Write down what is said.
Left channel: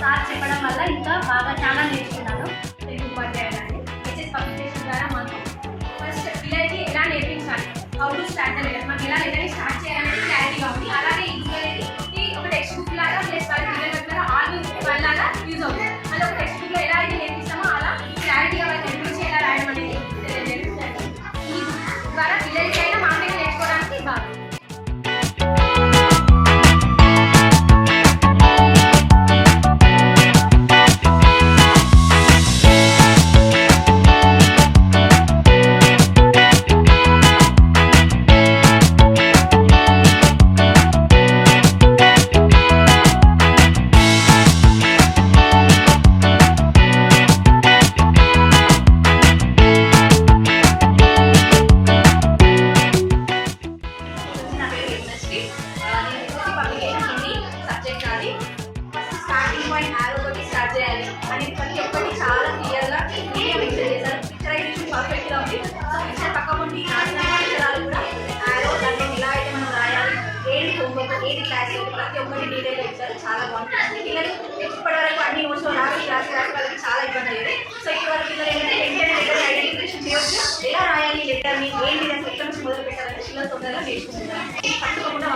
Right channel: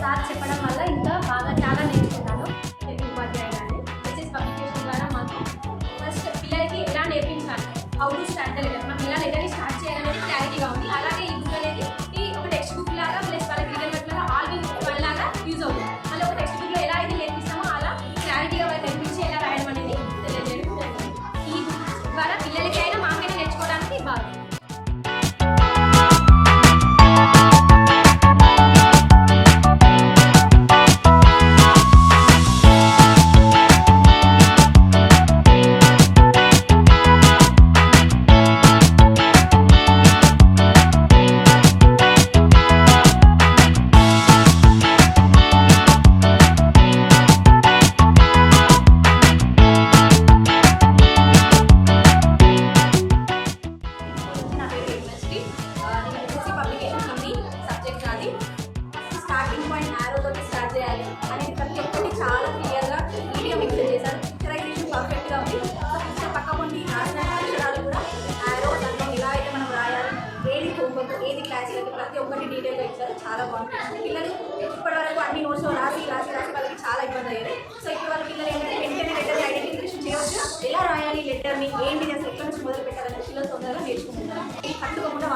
Sir చెప్పడం వల్ల ఇంకా బాగా చాలా నేర్చుకున్నాను. తెలుగు ఉపాధ్యాయులని హెచ్ఎస్ పబ్లికేషన్ ద్వారా మాకు ఫస్ట్ పిల్లలకి ఎలా నేర్పించాలి, how to start the lesson, మనం ఎలా లెసన్ స్టార్ట్ చేయాలనేది క్లారిటీగా ఉంది. అలాగే ఈ బుక్ అనేది ఒక టెక్స్ట్ బుక్ లాగా ప్లస్ వాళ్ళ పిల్లల ఆల్బమ్ లాగా యూజ్ అవుతుంది. మళ్ళీ ఒక టెక్స్ట్ బుక్లో ఎలా అయితే నేర్పిస్తామో అలా క్లారిటీగా వాళ్ళకి నేర్పించి ఎలా రాయడం అనేది తెలియజేయడం. ఈ బుక్ ద్వారా పిల్లలకి అయినా మాకైనా నేర్చుకోవడానికి బాగా స్టార్ట్ చేయాలి అనేది ప్రతి ఒక్కటి చాలా క్లియర్గా మీడియా మెన్షన్ చేశారు. పిక్చరైజేషన్ పర్ఫెక్ట్గా ఉంది. సో పిక్చర్ పక్కకుండి నాశనం అక్షరాలు కూడా ఆరో దాంట్లో ఎలా అయితే మనం రాయాలి, ఏది హోంవర్క్, ఏది క్లాస్, ప్రతి ఒక్కటి డీటెయిల్గా ఇచ్చారు. చాలా బాగుంటుంది. పిల్లలు ఇప్పటి వరకు అన్ని నోట్స్ రాసి వాళ్ళకి చాలా ఇబ్బంది అయ్యేది. సో ఇప్పటి వరకు పిల్లలు ఏంటంటే వెంటనే లెటర్ ఐడెంటిఫికేషన్ చేయవచ్చు, ఎలా రాయాలి లెటర్ని, ఏంటి అసలు ఎక్కడ నుంచి మొదలు పెట్టాలని పిల్లలు తొందరగా నేర్చుకుంటున్నారు. పట్టుకోకుండా